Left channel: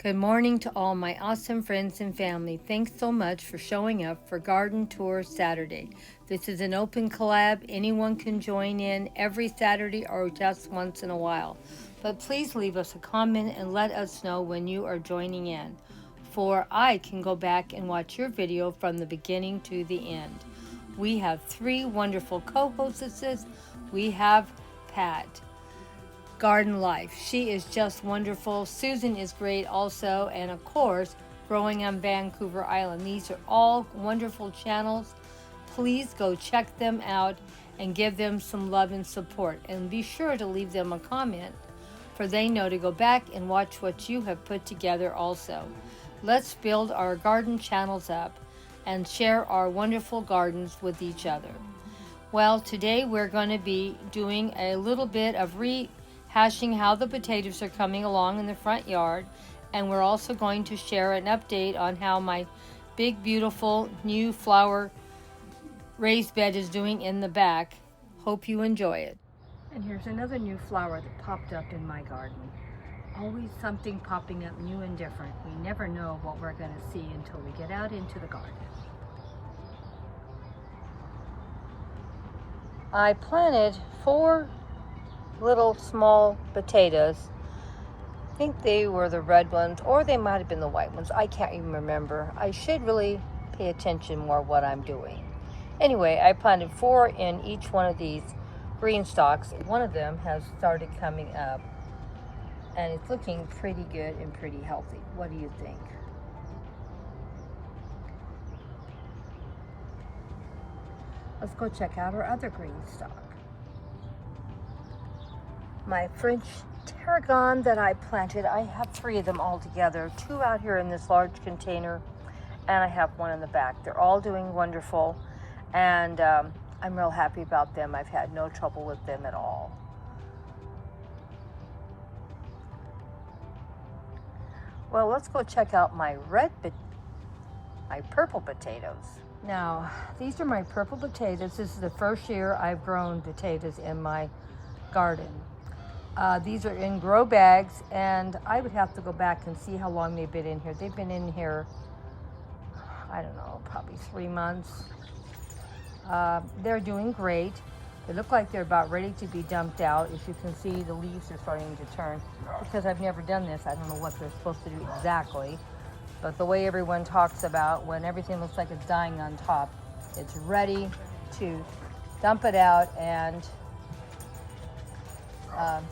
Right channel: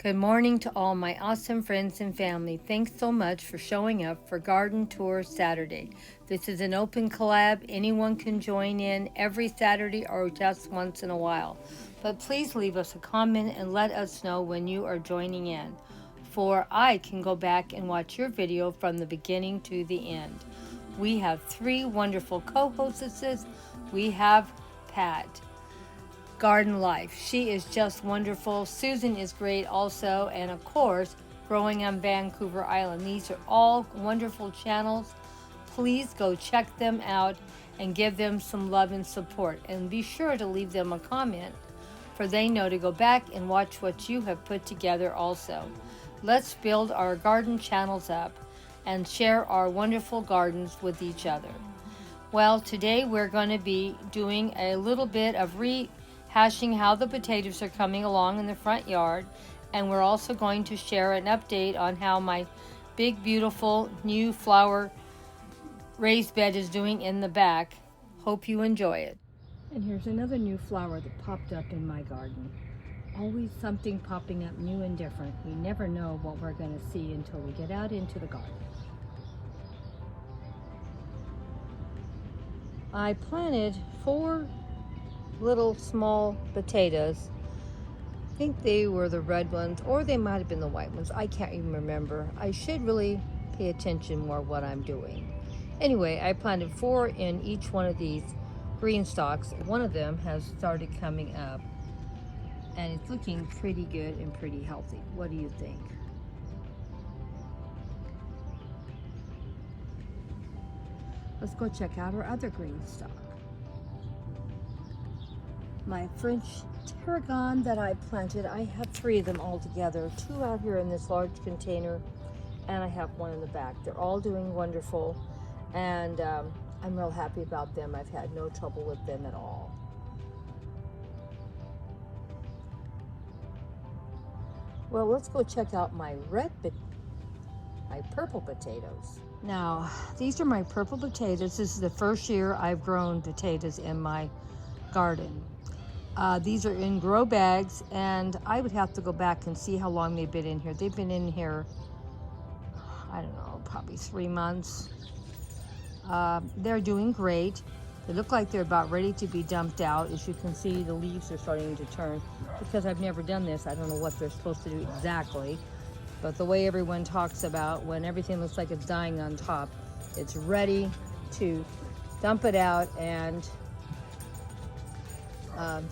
Good morning to all my awesome friends and family. Thanks so much for showing up for Garden Tour Saturday. This is an open collab. Anyone can join in every Saturday or just once in a while. But please leave us a comment and let us know when you are joining in, for I can go back and watch your video from the beginning to the end. We have three wonderful co-hostesses. We have Pat, Garden Life. She is just wonderful. Susan is great also. And of course, Growing on Vancouver Island. These are all wonderful channels. Please go check them out and give them some love and support. And be sure to leave them a comment, for they know to go back and watch what you have put together also. Let's build our garden channels up and share our wonderful gardens with each other. Well, today we're going to be doing a little bit of rehashing how the potatoes are coming along in the front yard, and we're also going to share an update on how my big beautiful new flower raised bed is doing in the back. Hope you enjoy it. And here's another new flower that popped up in my garden. Always something popping up new and different. We never know what we're going to see until we get out into the garden. I planted 4 little small potatoes. I think they were the red ones, or they might have been the white ones. I can't even remember. I should really pay attention more what I'm doing. Anyway, I planted 4 in each one of these green stalks. One of them has started coming up, and it's looking pretty good and pretty healthy. What do you think? Let's go check out our other green stalk. My French tarragon that I planted, I have 3 of them all together. 2 out here in this large container, and I have 1 in the back. They're all doing wonderful, and I'm real happy about them. I've had no trouble with them at all. Well, let's go check out my purple potatoes. Now, these are my purple potatoes. This is the first year I've grown potatoes in my garden. These are in grow bags, and I would have to go back and see how long they've been in here. They've been in here, I don't know, probably 3 months. They're doing great. They look like they're about ready to be dumped out. As you can see, the leaves are starting to turn. Because I've never done this, I don't know what they're supposed to do exactly. But the way everyone talks about when everything looks like it's dying on top, it's ready to dump it out and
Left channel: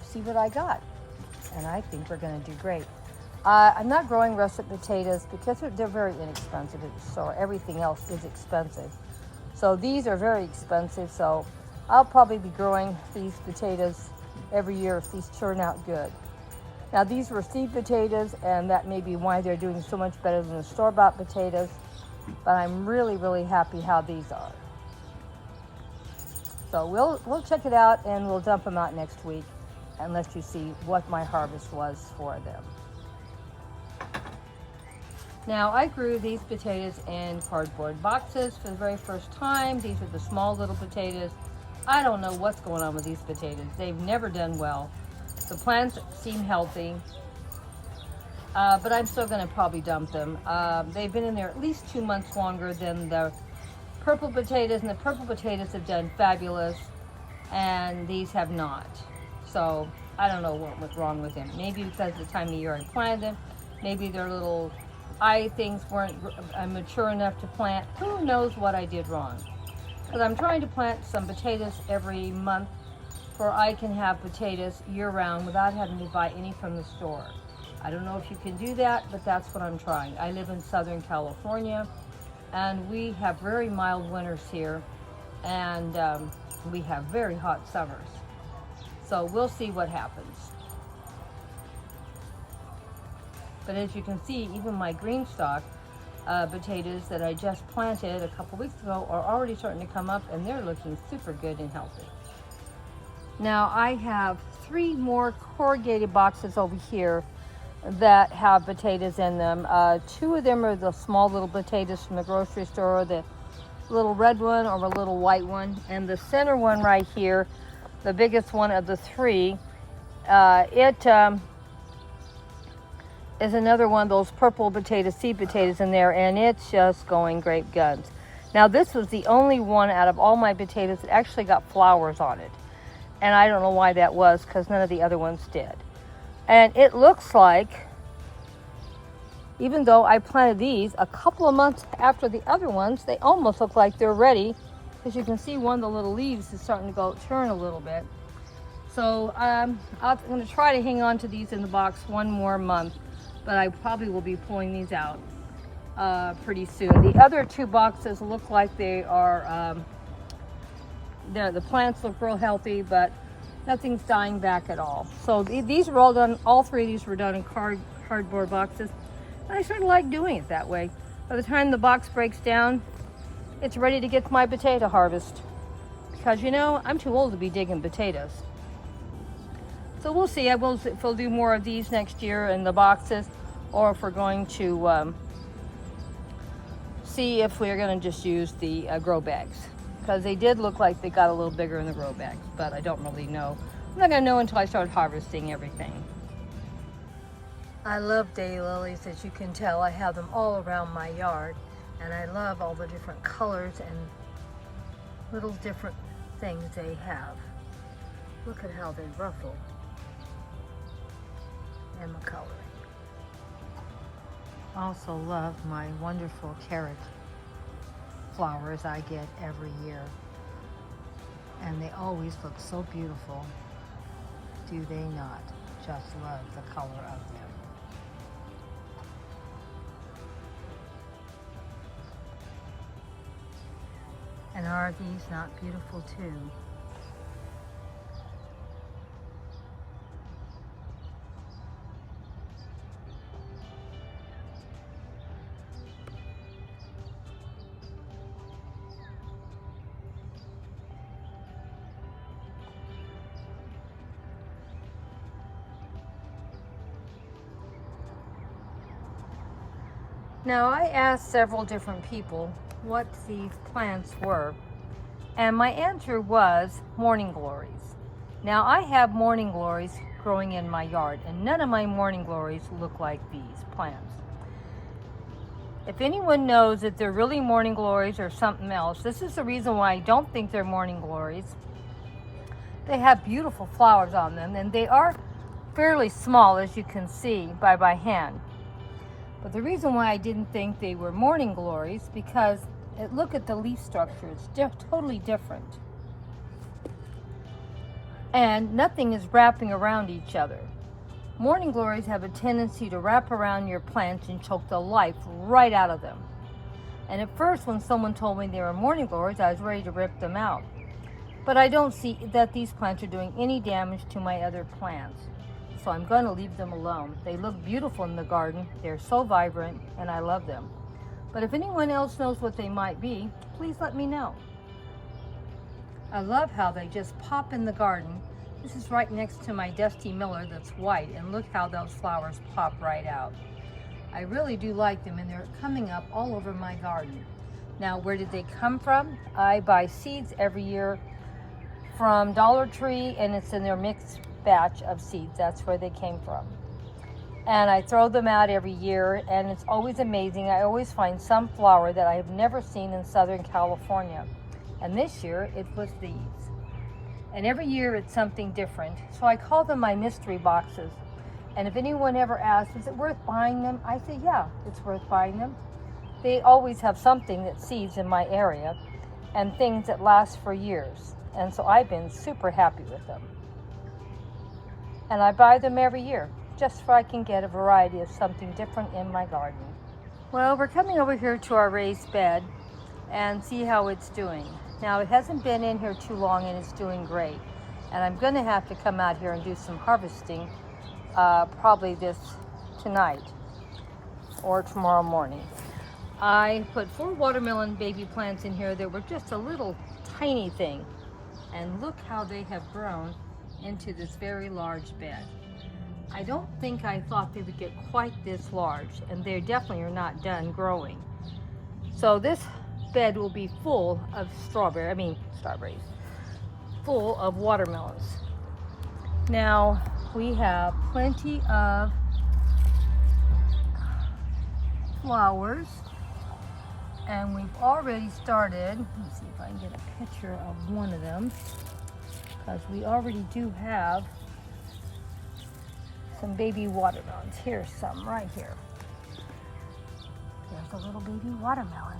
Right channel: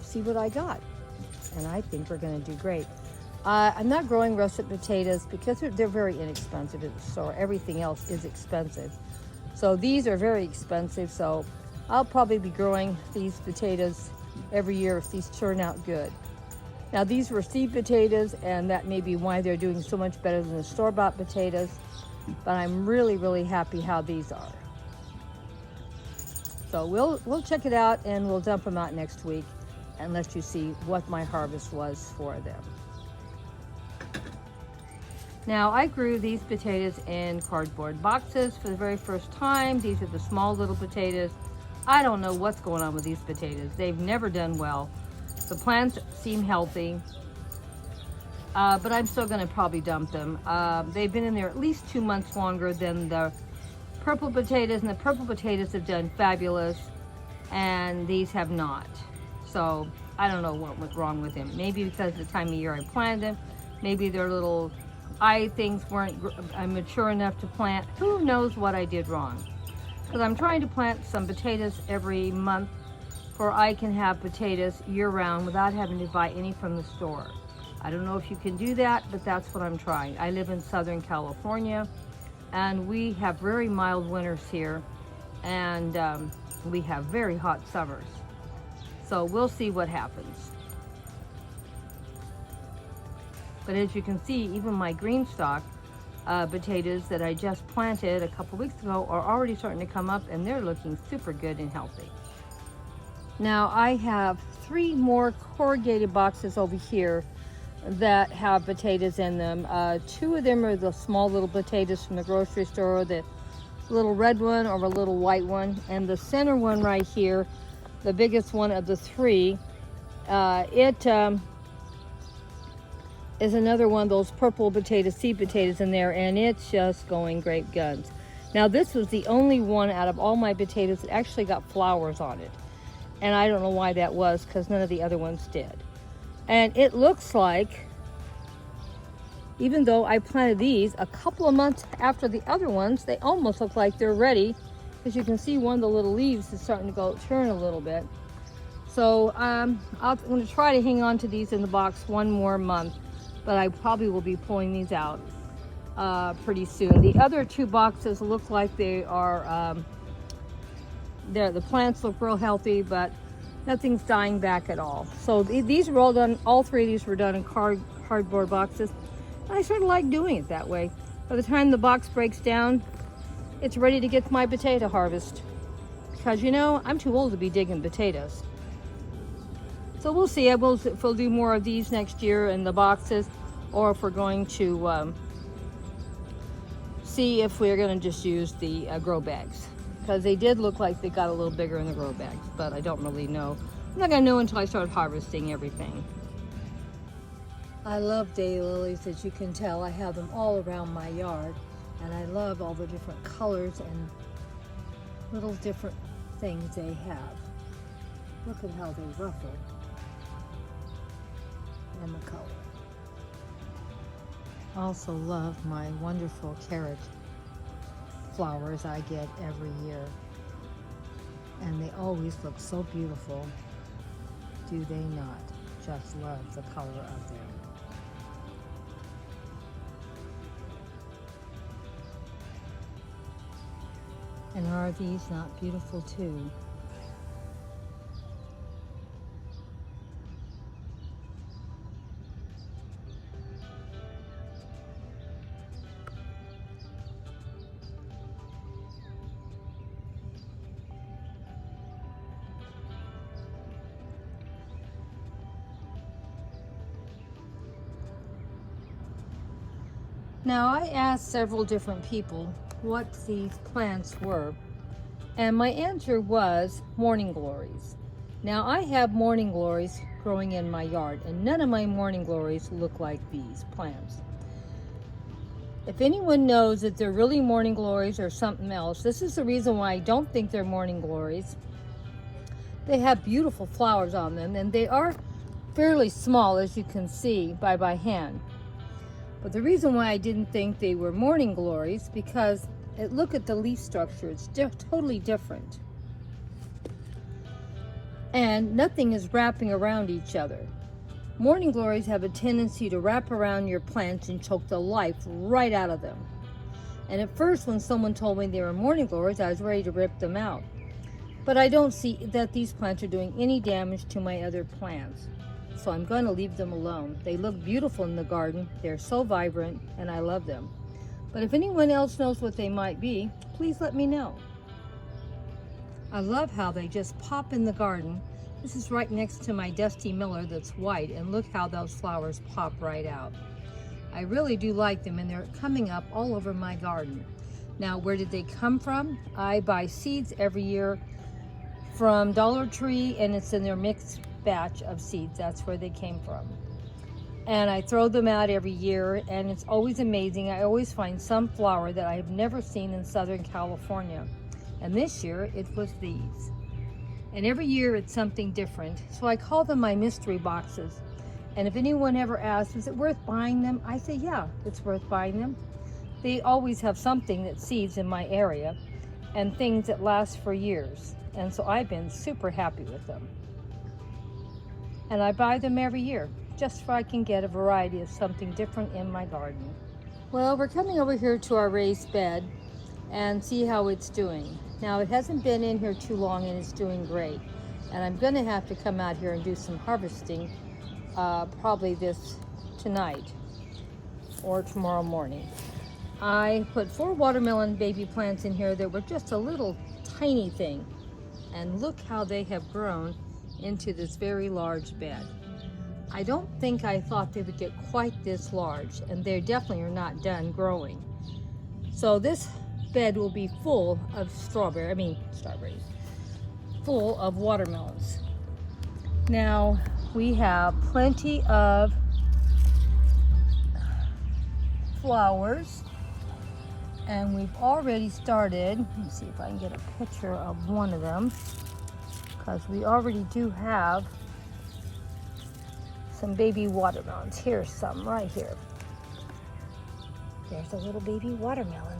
see what I got. And I think they're going to do great. I'm not growing russet potatoes because they're very inexpensive at the store. Everything else is expensive. So these are very expensive. So I'll probably be growing these potatoes every year if these turn out good. Now, these were seed potatoes, and that may be why they're doing so much better than the store-bought potatoes, but I'm really, really happy how these are. So we'll check it out, and we'll dump them out next week and let you see what my harvest was for them. Now, I grew these potatoes in cardboard boxes for the very first time. These are the small little potatoes. I don't know what's going on with these potatoes. They've never done well. The plants seem healthy, but I'm still going to probably dump them. They've been in there at least 2 months longer than the purple potatoes, and the purple potatoes have done fabulous, and these have not. So I don't know what was wrong with them. Maybe because of the time of year I planted them. Maybe their little eye things weren't mature enough to plant. Who knows what I did wrong? Because I'm trying to plant some potatoes every month, for I can have potatoes year-round without having to buy any from the store. I don't know if you can do that, but that's what I'm trying. I live in Southern California, and we have very mild winters here, and we have very hot summers. So we'll see what happens. But as you can see, even my green stalk potatoes that I just planted a couple weeks ago are already starting to come up, and they're looking super good and healthy. Now, I have 3 more corrugated boxes over here that have potatoes in them. 2 of them are the small little potatoes from the grocery store, the little red one or a little white one. And the center one right here, the biggest one of the 3, it is another one of those purple potato, seed potatoes in there, and it's just going great guns. Now this was the only one out of all my potatoes that actually got flowers on it. And I don't know why that was, because none of the other ones did. And it looks like, even though I planted these a couple of months after the other ones, they almost look like they're ready. As you can see, one of the little leaves is starting to turn a little bit. So I'm going to try to hang on to these in the box one more month, but I probably will be pulling these out pretty soon. The other two boxes look like they are, the plants look real healthy, but nothing's dying back at all. So these were all done, all three of these were done in cardboard boxes. I sort of like doing it that way. By the time the box breaks down, it's ready to get to my potato harvest. Because you know, I'm too old to be digging potatoes. So we'll see if we'll do more of these next year in the boxes, or if we're going to see if we're going to just use the grow bags. Because they did look like they got a little bigger in the grow bags, but I don't really know. I'm not going to know until I start harvesting everything. I love daylilies, as you can tell. I have them all around my yard, and I love all the different colors and little different things they have. Look at how they're ruffled and the color. I also love my wonderful carrot flowers I get every year, and they always look so beautiful. Do they not? Just love the color of them. And are these not beautiful too? Now, I asked several different people what these plants were, and my answer was morning glories. Now, I have morning glories growing in my yard, and none of my morning glories look like these plants. If anyone knows that they're really morning glories or something else, this is the reason why I don't think they're morning glories. They have beautiful flowers on them, and they are fairly small, as you can see by hand. But the reason why I didn't think they were morning glories, because look at the leaf structure, it's totally different. And nothing is wrapping around each other. Morning glories have a tendency to wrap around your plants and choke the life right out of them. And at first, when someone told me they were morning glories, I was ready to rip them out. But I don't see that these plants are doing any damage to my other plants. So I'm going to leave them alone. They look beautiful in the garden. They're so vibrant, and I love them. But if anyone else knows what they might be, please let me know. I love how they just pop in the garden. This is right next to my Dusty Miller that's white, and look how those flowers pop right out. I really do like them, and they're coming up all over my garden. Now, where did they come from? I buy seeds every year from Dollar Tree, and it's in their mixed batch of seeds. That's where they came from. And I throw them out every year, and it's always amazing. I always find some flower that I have never seen in Southern California. And this year it was these. And every year it's something different. So I call them my mystery boxes. And if anyone ever asks, is it worth buying them? I say, yeah, it's worth buying them. They always have something that seeds in my area and things that last for years. And so I've been super happy with them. And I buy them every year, just so I can get a variety of something different in my garden. Well, we're coming over here to our raised bed and see how it's doing. Now, it hasn't been in here too long, and it's doing great. And I'm gonna have to come out here and do some harvesting, probably tonight or tomorrow morning. I put 4 watermelon baby plants in here that were just a little tiny thing. And look how they have grown into this very large bed. I don't think I thought they would get quite this large, and they definitely are not done growing. So this bed will be full of strawberries, full of watermelons. Now we have plenty of flowers. And we've already started, let me see if I can get a picture of one of them, because we already do have some baby watermelons. Here's some right here. There's a little baby watermelon.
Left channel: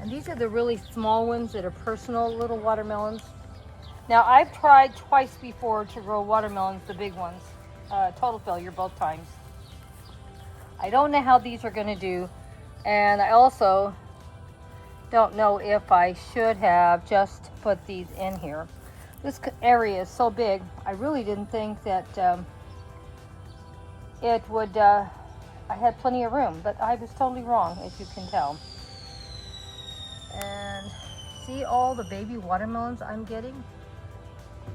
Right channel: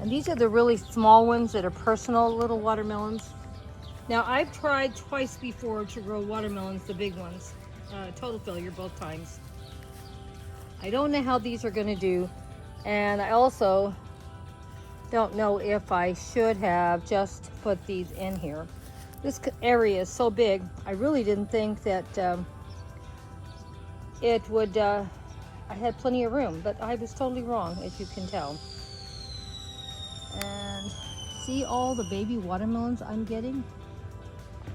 And these are the really small ones that are personal little watermelons. Now, I've tried twice before to grow watermelons, the big ones. Total failure both times. I don't know how these are going to do. And I also don't know if I should have just put these in here. This area is so big, I really didn't think that it would, I had plenty of room, but I was totally wrong, as you can tell. And see all the baby watermelons I'm getting?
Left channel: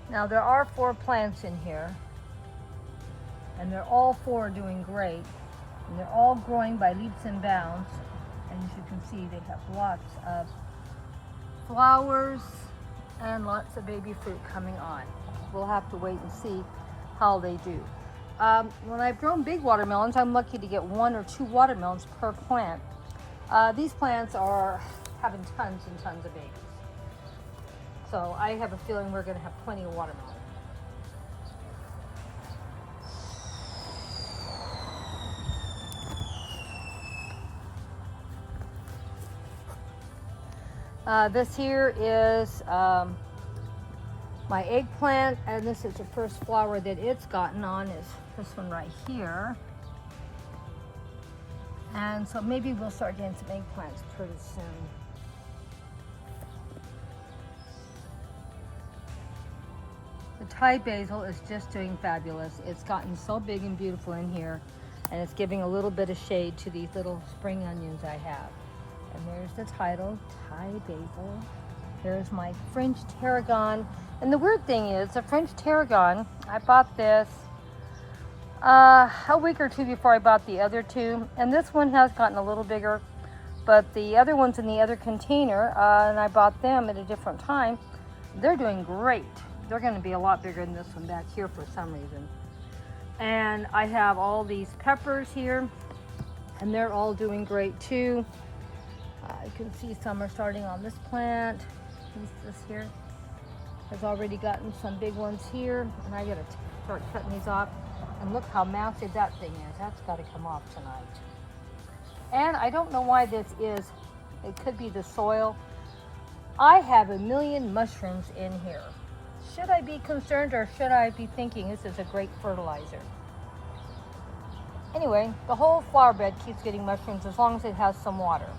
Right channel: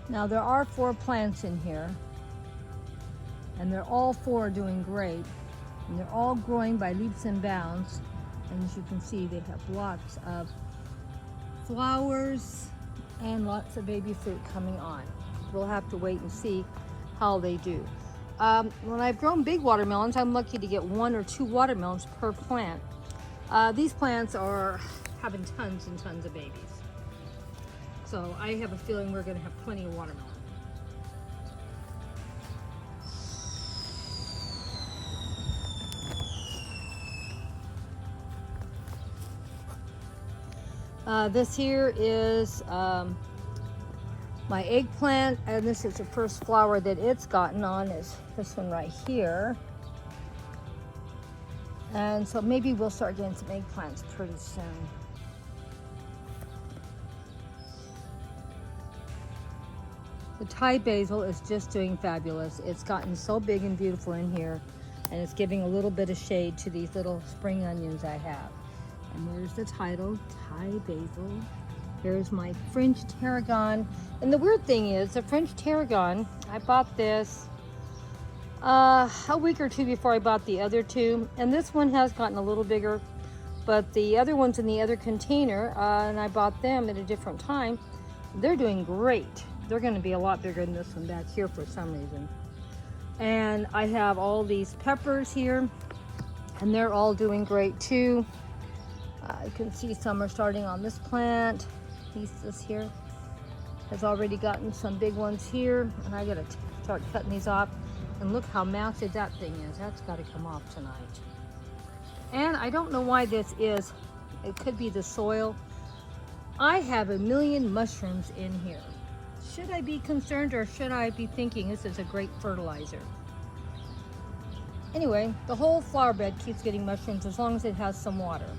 Now there are 4 plants in here, and they're all 4 doing great. And they're all growing by leaps and bounds. And as you can see, they have lots of flowers and lots of baby fruit coming on. We'll have to wait and see how they do. When I've grown big watermelons, I'm lucky to get 1 or 2 watermelons per plant. These plants are having tons and tons of babies. So I have a feeling we're gonna have plenty of watermelons. This here is my eggplant, and this is the first flower that it's gotten on, is this one right here. And so maybe we'll start getting some eggplants pretty soon. The Thai basil is just doing fabulous. It's gotten so big and beautiful in here, and it's giving a little bit of shade to these little spring onions I have. And there's the title, Thai basil. Here's my French tarragon. And the weird thing is, the French tarragon, I bought this a week or 2 before I bought the other 2. And this one has gotten a little bigger, but the other ones in the other container, and I bought them at a different time, they're doing great. They're gonna be a lot bigger than this one back here for some reason. And I have all these peppers here, and they're all doing great too. You can see some are starting on this plant. This here has already gotten some big ones here, and I gotta start cutting these off. And look how massive that thing is. That's gotta come off tonight. And I don't know why this is. It could be the soil. I have a million mushrooms in here. Should I be concerned, or should I be thinking this is a great fertilizer? Anyway, the whole flower bed keeps getting mushrooms as long as it has some water.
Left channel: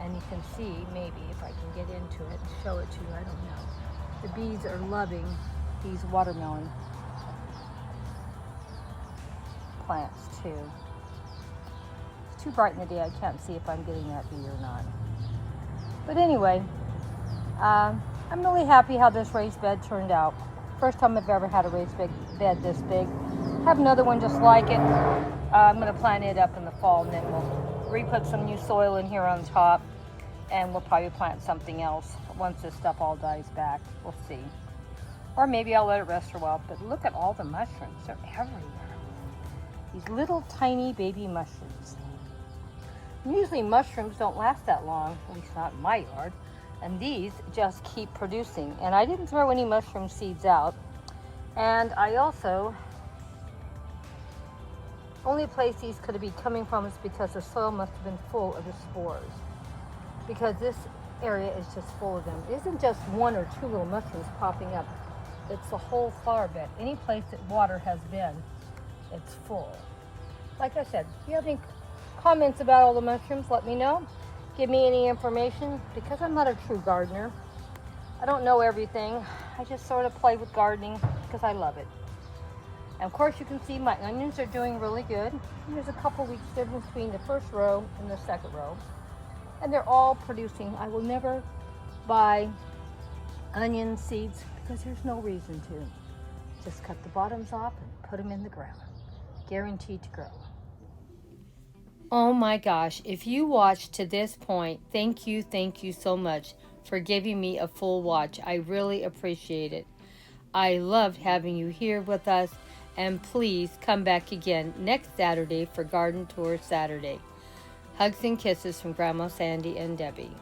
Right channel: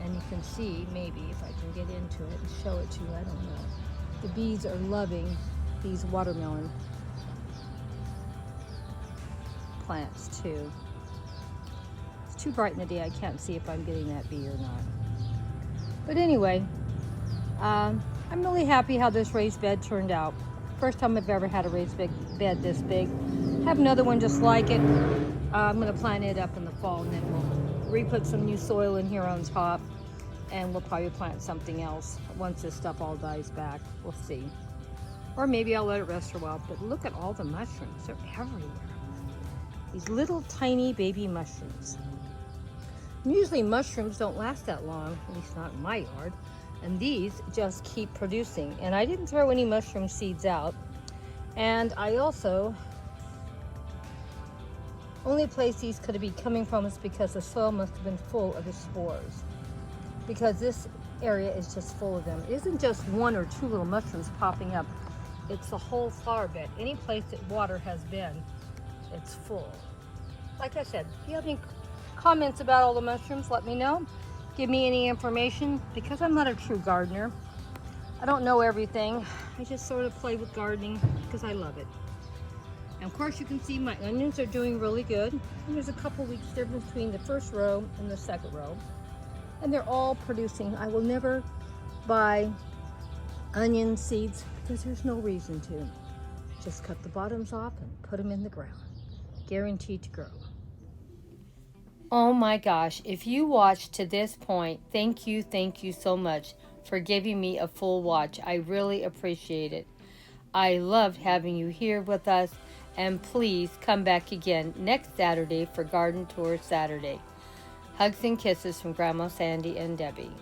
And you can see, maybe if I can get into it and show it to you, I don't know. The bees are loving these watermelon plants too. It's too bright in the day, I can't see if I'm getting that bee or not. But anyway, I'm really happy how this raised bed turned out. First time I've ever had a raised bed this big. Have another one just like it. I'm gonna plant it up in the fall, and then we'll re-put some new soil in here on top, and we'll probably plant something else once this stuff all dies back. We'll see. Or maybe I'll let it rest a while. But look at all the mushrooms. They're everywhere. These little tiny baby mushrooms. And usually mushrooms don't last that long, at least not in my yard. And these just keep producing. And I didn't throw any mushroom seeds out. And I also, only place these could be coming from is because the soil must have been full of the spores. Because this area is just full of them. It isn't just 1 or 2 little mushrooms popping up. It's the whole flower bed. Any place that water has been, it's full. Like I said, if you have any comments about all the mushrooms, let me know. Give me any information, because I'm not a true gardener. I don't know everything. I just sort of play with gardening because I love it. And of course you can see my onions are doing really good. And there's a couple weeks difference between the first row and the second row. And they're all producing. I will never buy onion seeds because there's no reason to. Just cut the bottoms off and put them in the ground. Guaranteed to grow. Oh my gosh, if you watched to this point, thank you so much for giving me a full watch. I really appreciate it. I loved having you here with us, And please come back again next Saturday for Garden Tour Saturday. Hugs and kisses from Grandma Sandy and Debbie.